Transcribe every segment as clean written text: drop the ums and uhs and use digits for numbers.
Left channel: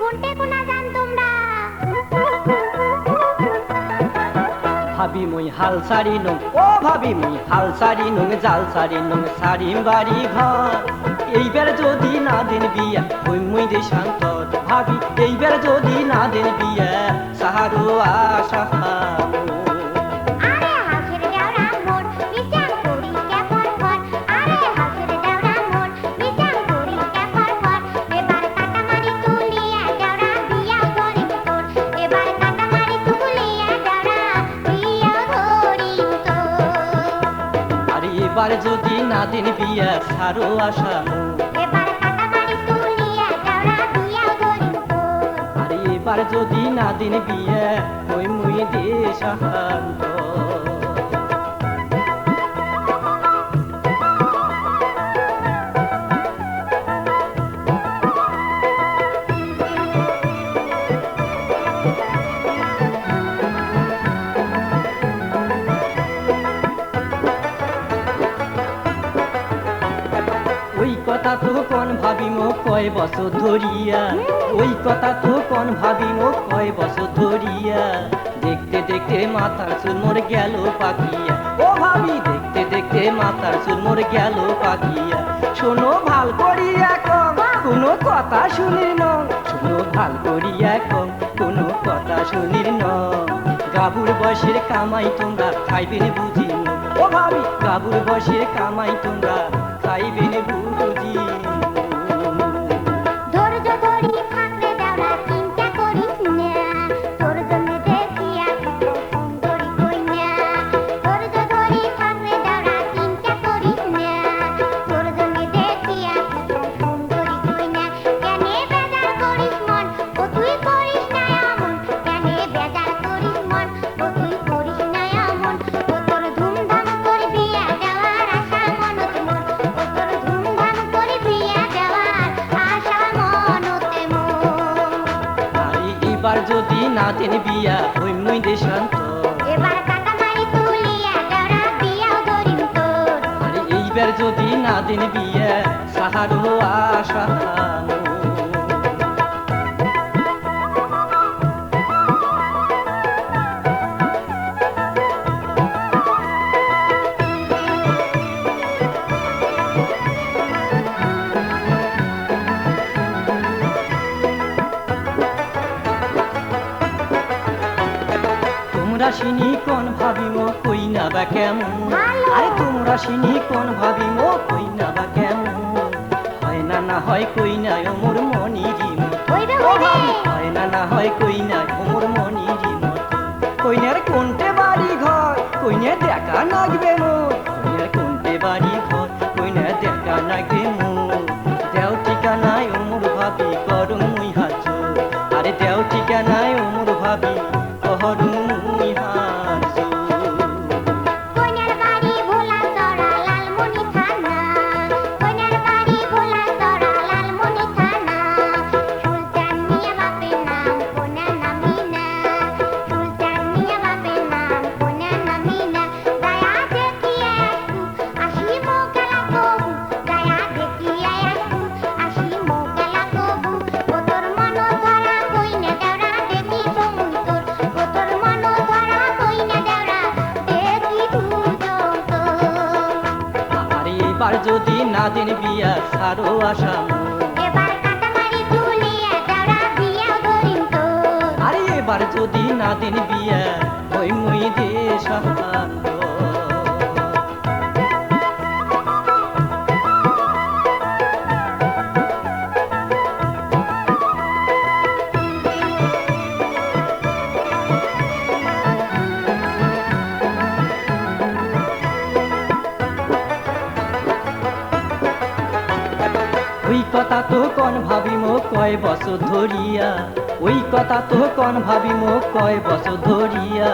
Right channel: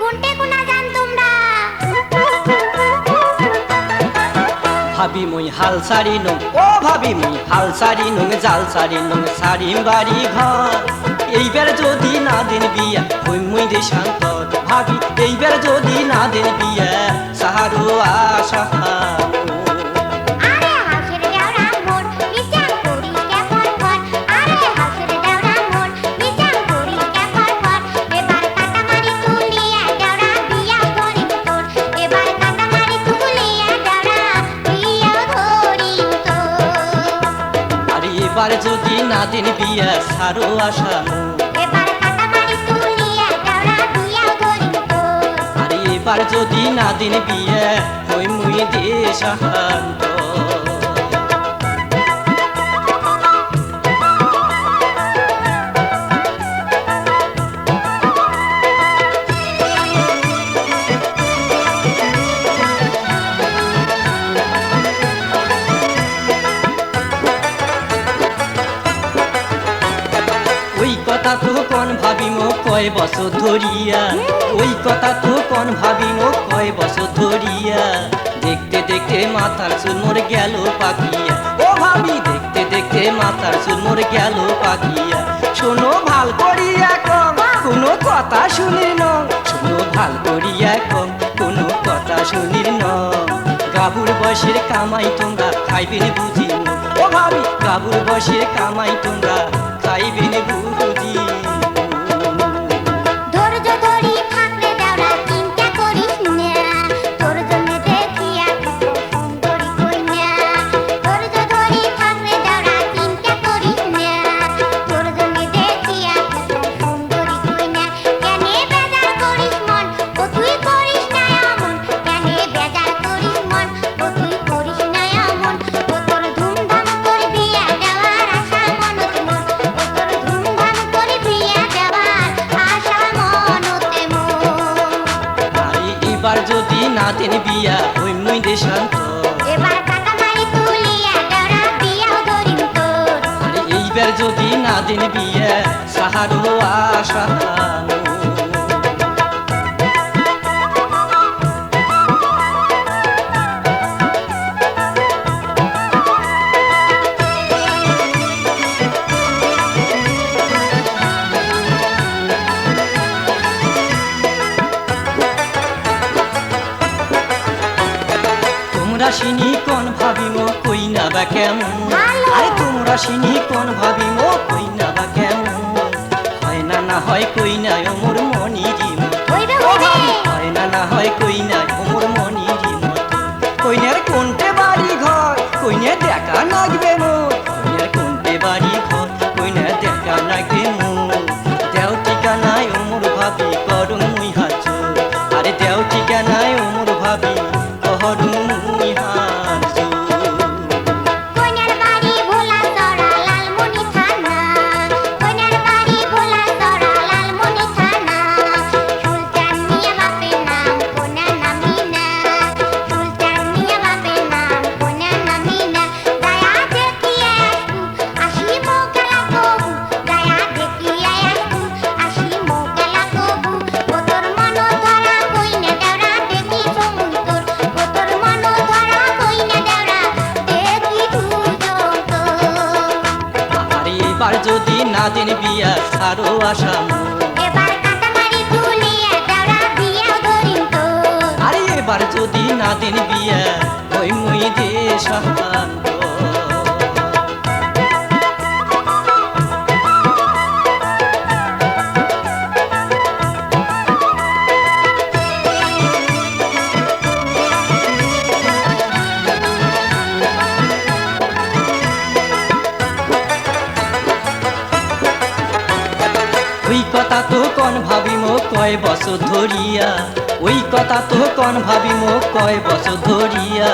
কোনটে কোনা জান তোমরা ভাবি মুই হাল সারি নং ও ভাবি মুই হাল সারি নং জাল সারি নং সারিম বাড়ি ঘর এইবার যদি না দিন বিয়া হই মুই দেশান্তর ভাবি এইবার যদি না দিন বিয়া সাহারু আশা আরে হাসের দেওরা মোর বিচার করি কে ফরফর আরে হাসের দেওরা মোর বিচার করি কে ফরফর এবার কাটামারি তুলিয়া দেওরা বিয়া করিম তোর এবার কাটামারি তুলিয়া দেওরা বিয়া করিম তোর আরে এবার যদি না দিন বিয়া সারো আশা এবার কাটামারি তুলিয়া দেওরা বিয়া করিম তোর আরে এবার যদি না দিন বিয়া হই মুই দেশান্তর ওই কথা তো কোন ভাবিম কয় বছর ধরিয়া ওই কথা তো কোন ভাবিম কয় বছর ধরিয়া দেখতে দেখতে মাথার চুল মোর গেল পাকিয়া ও ভাবি দেখতে দেখতে মাথার চুল মোর গেল পাকিয়া শোনো ভাল করিয়া কম কোনো কথা শুনির ন শোনো ভাল করিয়া কম কোনো কথা শুনির ন গাবুর বয়সের কামাই তোমরা খাইবেন বুঝি ও ভাবি গাবুর বয়সের কামাই তোমরা খাইবেন বুঝি ধৈর্য ধরি থাকলে দেওরা চিন্তা করিস না তোর জন্য দেখিয়া কত সুন্দরী কইনা ধৈর্য ধরি থাকলে দেওরা চিন্তা করিস না তোর জন্য দেখিয়া কত সুন্দরী কইনা কেনে বেজার করিস মন ও তুই করিস না এমন কেনে বেজার করিস মন ও তুই করিস না এমন ও তোর ধুমধাম করে বিয়া দেওয়ার আশা মনত মোর ও তোর ধুমধাম করে বিয়া দেওয়ার আশা মনতে মোর আরে এবার যদি না দিন বিয়া হই মুই দেশান্তর এবার কাটামারি তুলিয়া দেওরা বিয়া ধরিম তোর আরে এইবার যদি না দিন বিয়া সাহারো আশা তোমরা সিনি কোন ভাবিম কই না বা কেমন ভালো। আরে তোমরা সিনি কোন ভাবিম কই না বা কেমন হয় না না হয় কই না ওমর মনিরি হইবে ও হইবে ভাবি হয় না না হয় কই না ওমর মনিরি কইনার কোনটে বাড়ি ঘর কইনে দেখা লাগবে মোর কইনার কোনটে বাড়ি ঘর কইনে দেখা লাগবে মোর দেও ঠিকানায় ওমর ভাবি করুম মুই হাত আরে দেও ঠিকানায় ওমর ভাবি করুম মুই হাত কইনার বাড়ি ভোলা চড়া লালমনি থানা কইনার বাড়ি ভোলা চড়া লালমনি থানা সুলতান মিয়া বাপের নাম কোনা নামিনা সুলতান মিয়া বাপের নাম কোনা নামিনা দয়া দেখিয়া আসি মোকালা কবু দয়া দেখিয়া আসি মোকালা কবু ও তোর মন ধরা কইনে দেওরা দেখি সমুন তোর ও তোর মন ধরা কইনে দেওরা দেখি দুজন তোর আরে এবার যদি না দিন বিয়া সারো আশা এবার কাটামারি তুলিয়া দেওরা বিয়া ধরিম তোর আরে এবার যদি না দিন বিয়া হই মুই দেশান্তর ওই কথা তো কোন ভাবিম কয় বছর ধরিয়া ওই কথা তো কোন ভাবিম কয় বছর ধরিয়া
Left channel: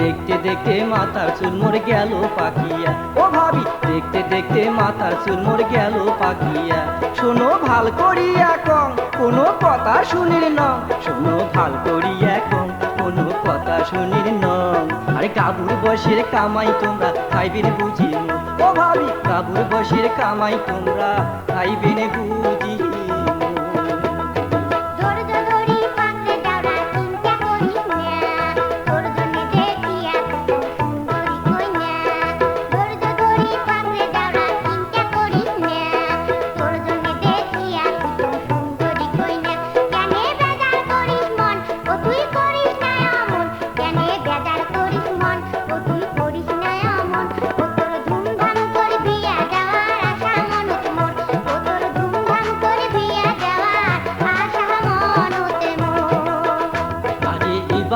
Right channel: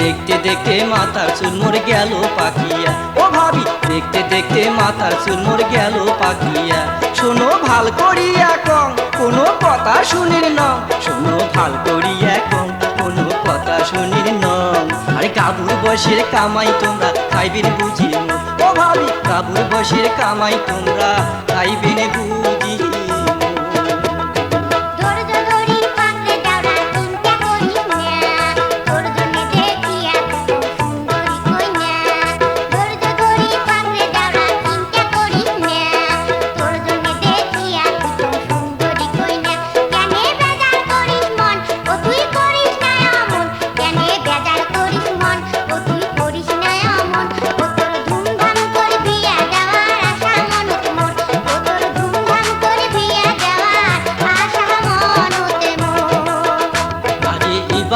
দেখতে দেখতে মাথার চুল মোর গেল পাকিয়া ও ভাবি দেখতে দেখতে মাথার চুল মোর গেল পাকিয়া শোনো ভাল করিয়া কম কোনো কথা শুনির ন শোনো ভাল করিয়া কম কোনো কথা শুনির ন আরে কাবুর বসের কামাই তোমরা খাইবেন বুঝি ও ভাবি কাবুর বসের কামাই তোমরা খাইবেন বুঝি ধৈর্য ধরি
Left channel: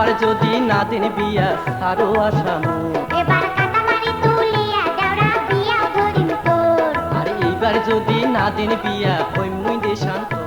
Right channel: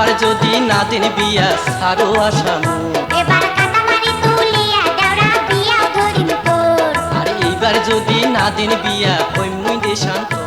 এইবার যদি না দেন বিয়া সারো আসামু এবার কাটামারি তুলিয়া দেওরা বিয়া ধরিম তোর আর এইবার যদি না দেন বিয়া হইমুই দেশান্তর